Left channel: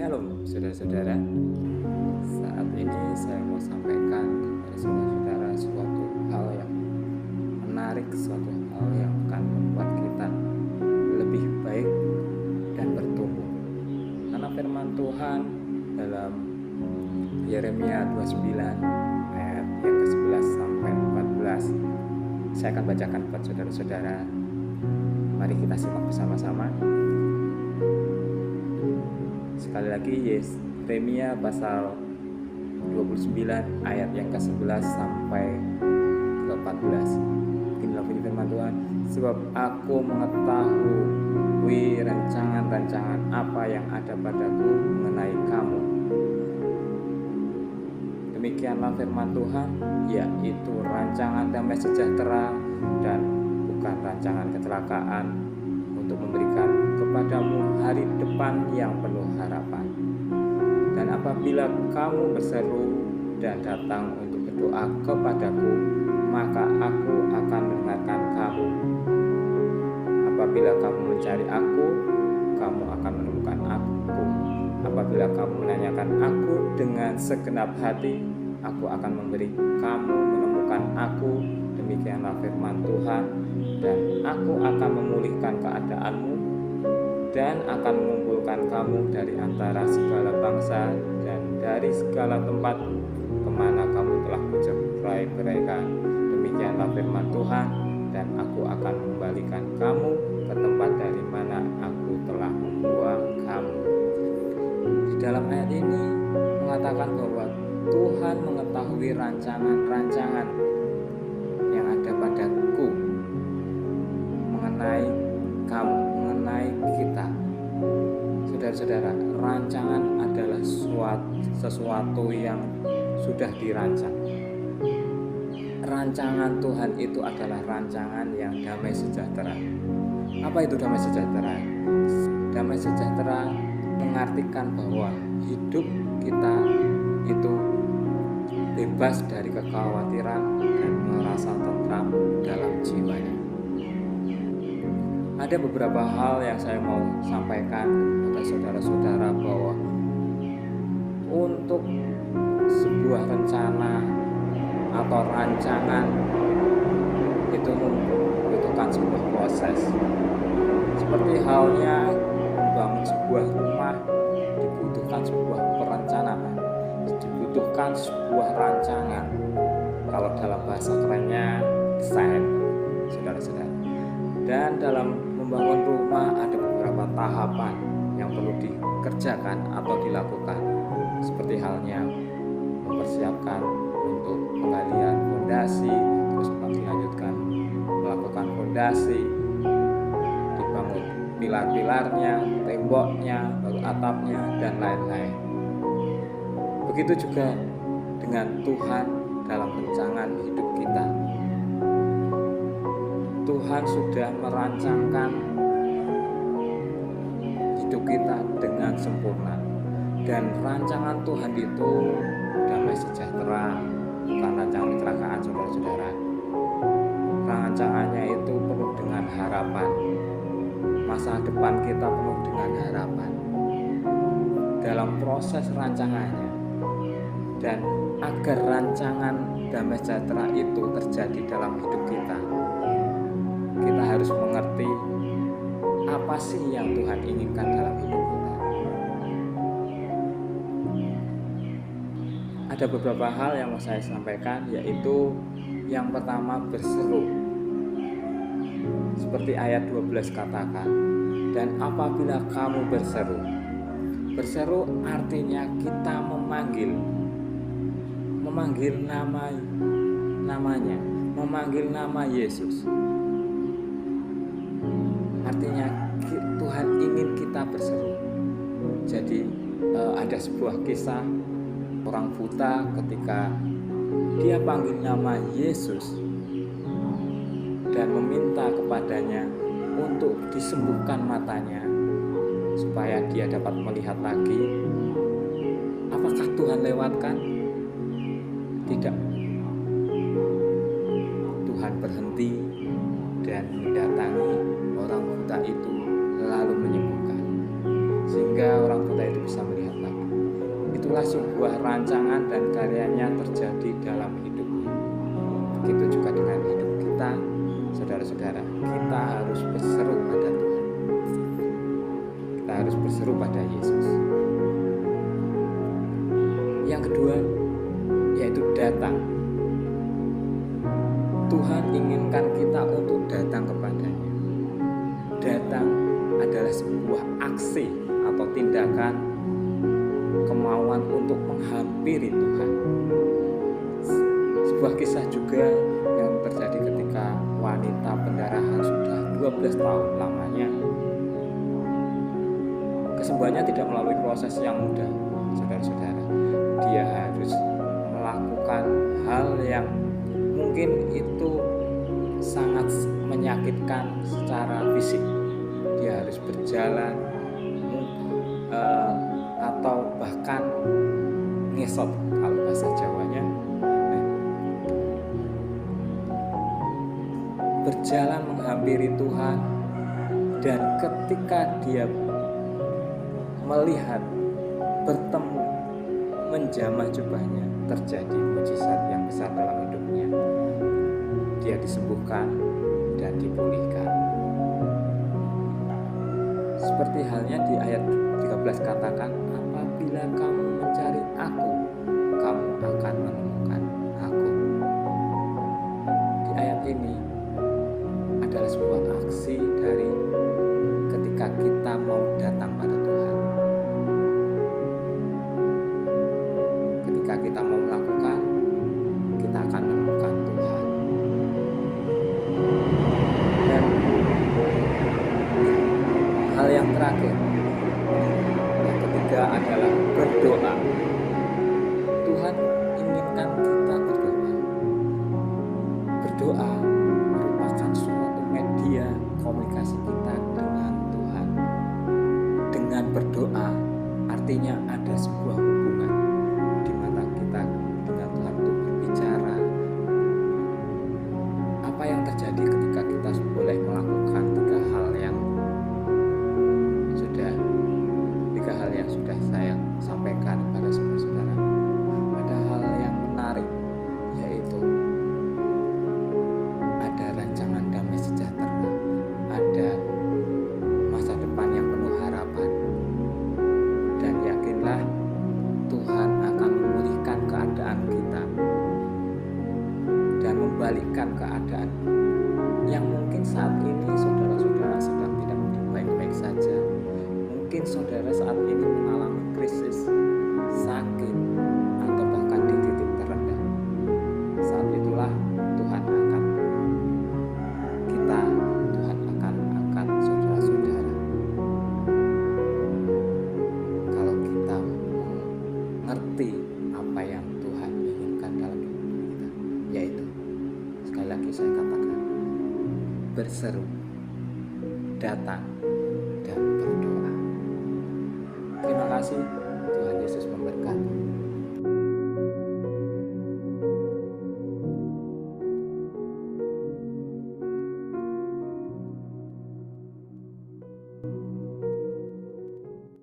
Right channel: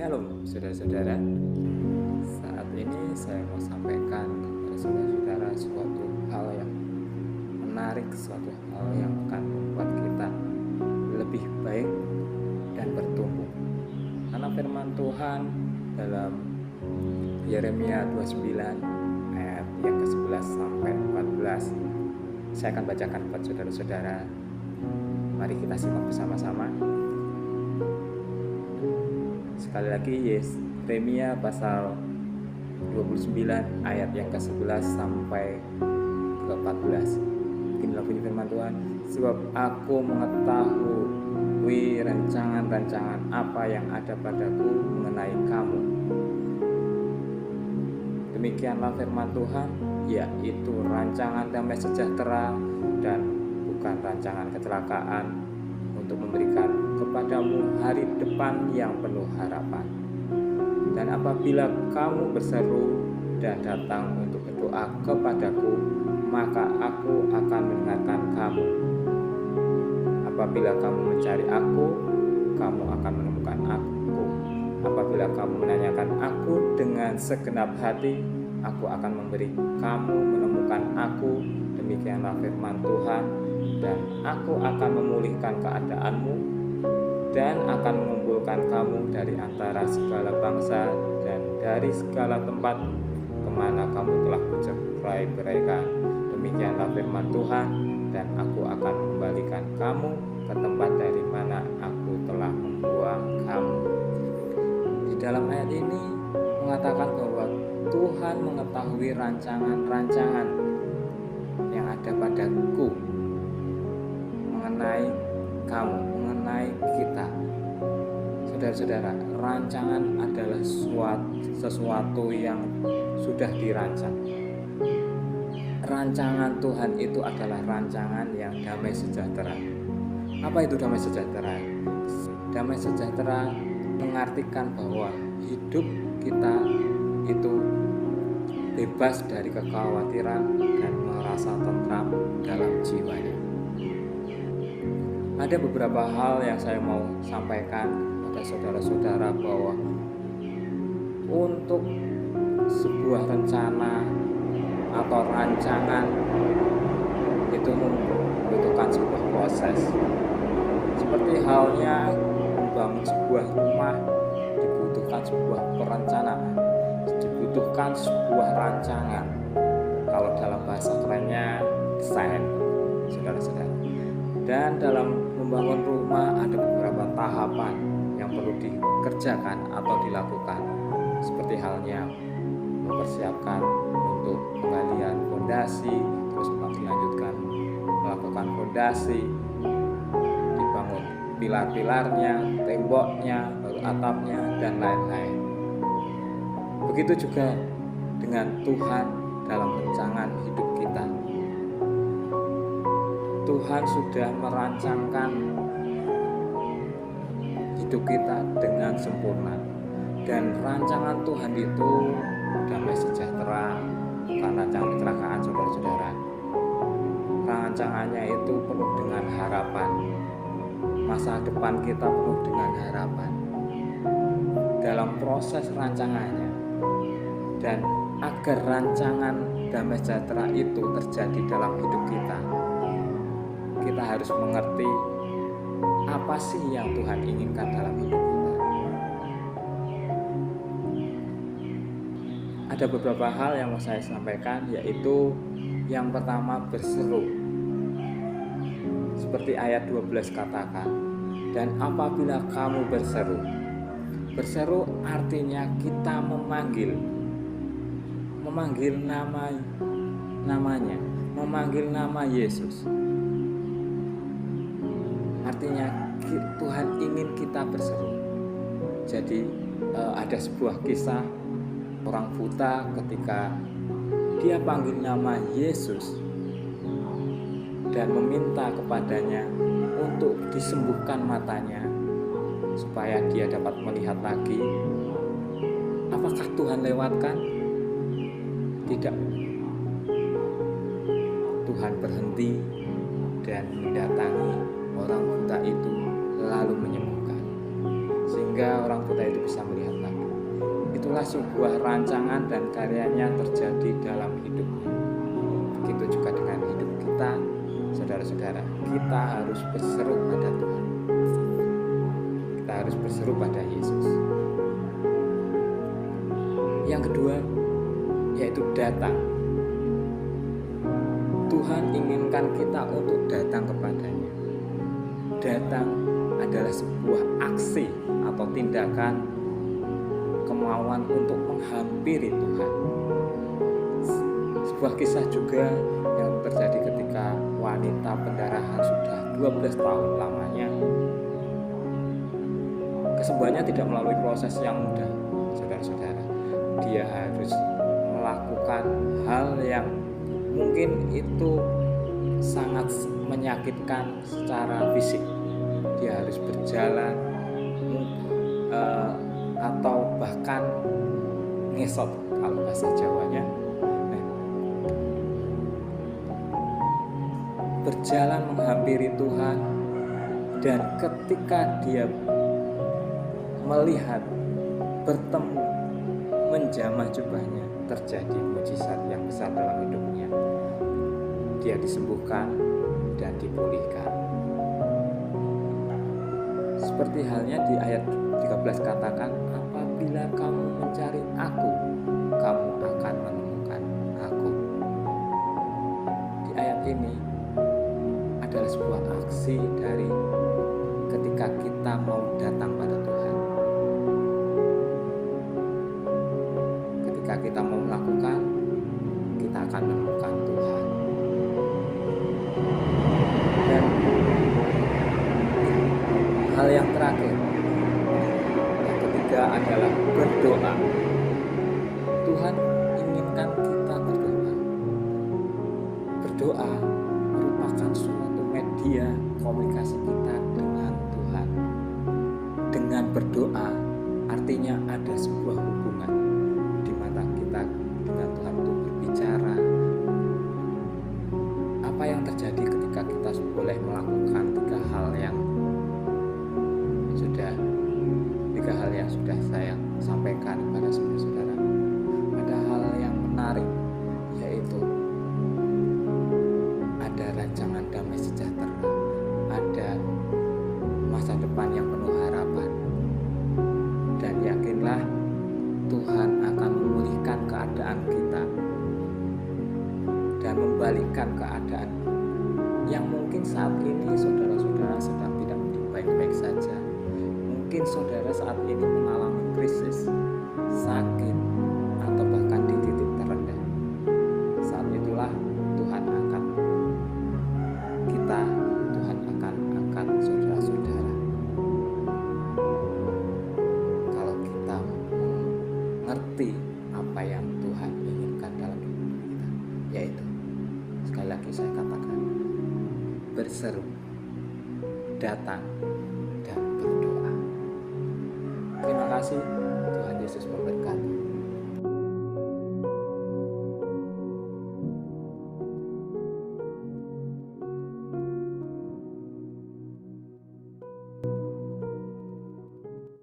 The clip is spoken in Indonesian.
Shalom saudara-saudara. Saat ini saya mau sampaikan kepada saudara-saudara suatu hal yang menarik, suatu hal yang akan membuat kita lebih baik dan bertumbuh. Karena firman Tuhan dalam Yeremia 29 ayat yang ke-11 sampai 14, saya akan bacakan buat saudara-saudara. Mari kita simak bersama-sama. Sekali lagi, Yeremia pasal 29 ayat yang ke-11 sampai ke-14. Inilah bunyi firman Tuhan. Sebab aku mengetahui rancangan-rancangan apa yang ada padaku mengenai kamu. Demikianlah firman Tuhan, yaitu rancangan damai sejahtera dan bukan rancangan kecelakaan, untuk memberikan kepadamu hari depan yang penuh harapan. Dan apabila kamu berseru dan datang untuk berdoa kepadaku, maka aku akan mendengarkan kamu. Apabila kamu mencari aku, kamu akan menemukan aku. Apabila kamu menanyakan aku dengan segenap hati, aku akan memberi kamu menemukan aku. Demikianlah firman Tuhan. Dan aku akan memulihkan keadaanmu dan akan mengumpulkan kamu dari antara segala bangsa dan dari segala tempat kemana kamu telah bercerai-beraikan. Demikianlah firman Tuhan. Dan aku akan mengembalikan kamu ke tempat dari mana aku telah membuang kamu. Di dalam ayat ini mengatakan bahwa Tuhan mengetahui rancangan-rancangan yang ada padaku mengenai kamu, mengenai kita. Saudara-saudara, rancangan adalah sesuatu yang sudah dirancang. Rancangan Tuhan itu adalah rancangan yang damai sejahtera. Apa itu damai sejahtera? Damai sejahtera mengartikan bahwa hidup kita itu bebas dari kekhawatiran dan merasa tentram dalam jiwanya. Ada beberapa hal yang saya mau sampaikan kepada saudara-saudara, bahwa untuk sebuah rencana atau rancangan itu membutuhkan sebuah proses. Seperti halnya membangun sebuah rumah, dibutuhkan sebuah perencanaan, dibutuhkan sebuah rancangan. Kalau dalam bahasa kerennya desain, saudara-saudara. Dan dalam membangun rumah ada beberapa tahapan yang perlu dikerjakan atau dilakukan. Seperti halnya mempersiapkan untuk penggalian fondasi, terus dilanjutkan melakukan fondasi, dibangun pilar-pilarnya, temboknya, baru atapnya, dan lain-lain. Begitu juga dengan Tuhan dalam rancangan hidup kita. Tuhan sudah merancangkan hidup kita dengan sempurna. Dan rancangan Tuhan itu damai sejahtera, bukan rancangan kecelakaan, saudara-saudara. Rancangannya itu penuh dengan harapan. Masa depan kita penuh dengan harapan dalam proses rancangannya. Dan agar rancangan damai sejahtera itu terjadi dalam hidup kita, kita harus mengerti apa sih yang Tuhan inginkan dalam hidup kita. Ada beberapa hal yang mau saya sampaikan, yaitu yang pertama, berseru. Seperti ayat 12 katakan, dan apabila kamu berseru. Berseru artinya kita memanggil namanya, memanggil nama Yesus. Artinya Tuhan ingin kita berseru. Jadi ada sebuah kisah orang buta ketika dia panggil nama Yesus dan meminta kepadanya untuk disembuhkan matanya supaya dia dapat melihat lagi. Apakah Tuhan lewatkan? Tidak. Tuhan berhenti dan mendatangi orang buta itu lalu menyembuhkan. sehingga orang buta itu bisa melihat lagi. Itulah sebuah rancangan dan karyanya terjadi dalam hidupnya. Begitu juga dengan hidup kita, saudara-saudara. Kita harus berseru pada Tuhan. Kita harus berseru pada Yesus. Yang kedua, yaitu datang. Tuhan inginkan kita untuk datang kepadanya. Datang adalah sebuah aksi atau tindakan kemauan untuk menghampiri Tuhan. Sebuah kisah juga yang terjadi ketika wanita pendarahan sudah 12 tahun lamanya. Kesembuhannya tidak melalui proses yang mudah, saudara-saudara. Dia harus melakukan hal yang mungkin itu sangat menyakitkan secara fisik. Dia harus berjalan atau bahkan ngesot kalau bahasa Jawanya. Berjalan menghampiri Tuhan, dan ketika dia melihat, bertemu, menjamah jubahnya, terjadi mujizat yang besar dalam hidupnya. Dia disembuhkan dan dipulihkan. Seperti halnya di ayat 13 katakan, apabila kamu mencari aku, kamu akan menemukan aku. Di ayat ini adalah sebuah aksi dari ketika kita mau datang pada Tuhan. Ketika kita mau melakukan, kita akan menemukan Tuhan. Dan hal yang terakhir, yang ketiga adalah berdoa. Tuhan inginkan kita berdoa. Berdoa merupakan suatu media komunikasi kita dengan Tuhan. Dengan berdoa artinya ada sebuah hubungan di mana kita dengan Tuhan itu berbicara. Apa yang terjadi ketika kita boleh melakukan tiga hal yang sudah saya sampaikan kepada saudara-saudara. Ada hal yang menarik, yaitu ada rancangan damai sejahtera, ada masa depan yang penuh harapan, dan yakinlah Tuhan akan memulihkan keadaan kita dan membalikkan keadaan yang mungkin saat ini saudara-saudara sedang tidak baik-baik saja. Mungkin saudara saat ini mengalami krisis, sakit, atau bahkan di titik terendah. Saat itulah Tuhan akan angkat saudara-saudara. Kalau kita mengerti apa yang Tuhan inginkan dalam hidup kita, yaitu sekali lagi saya katakan, berseru, datang, dan berdoa. Terima kasih, Tuhan Yesus memberkati.